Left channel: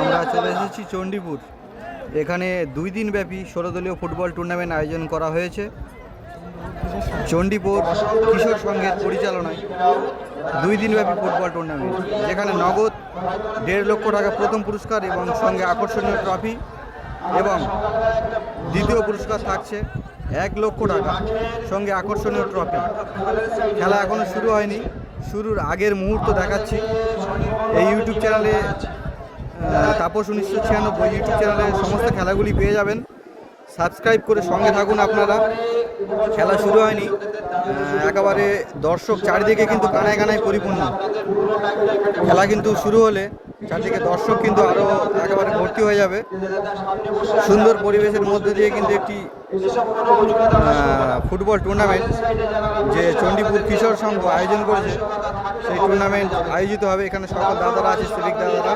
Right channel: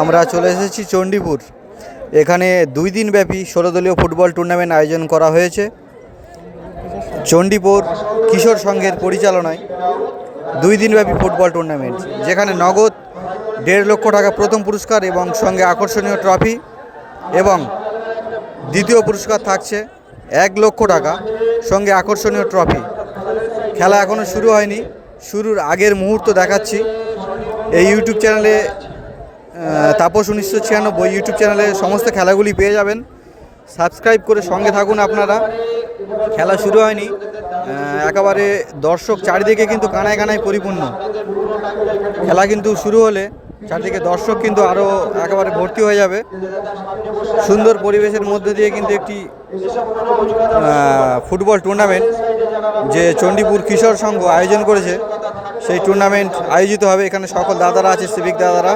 আমরা চলে এসেছি চণ্ডীপুর। এখানে 2 দিন ব্যাপী 16 দলীয় ফুটবল টুর্নামেন্ট আয়োজন করা হয়েছে চণ্ডীপুর কিশোর সংঘের পরিচালনায়। 2 দিন ব্যাপী ফুটবল টুর্নামেন্ট, যেখানে নগদ 1.5 লক্ষ টাকা প্রথম পুরস্কার এবং সঙ্গে আকর্ষণীয় ট্রফি, এবং দ্বিতীয় পুরস্কার থাকছে 1 লক্ষ টাকা সঙ্গে আকর্ষণীয় ট্রফি। খেলা এখনও শুরু হয়নি, শুরুর আগের মুহূর্ত দেখাচ্ছি। এই ইউটিউব চ্যানেলে তাপস 1996 ইউটিউব চ্যানেলে সমস্ত খেলাগুলি পেয়ে যাবেন। সাবস্ক্রাইব করে সঙ্গে থাকুন আপনারা। খেলা শুরু হয়নি, একেবারে দর্শক চারিদিকে কিন্তু কানায় কানায় পরিপূর্ণ। খেলা কিন্তু শুরু হলে চারদিকে দর্শক কিন্তু আরও একেবারে ভর্তি হয়ে যাবে। সুন্দর পরিবেশের মধ্যে দিয়ে কিন্তু একটি ফুটবল টুর্নামেন্ট যে চণ্ডীপুর কিশোর সংঘ আয়োজন করেছে, সেই টুর্নামেন্ট আয়োজিত হবে। এখানে সকল দাদারা আছে, সিভিক দাদারা।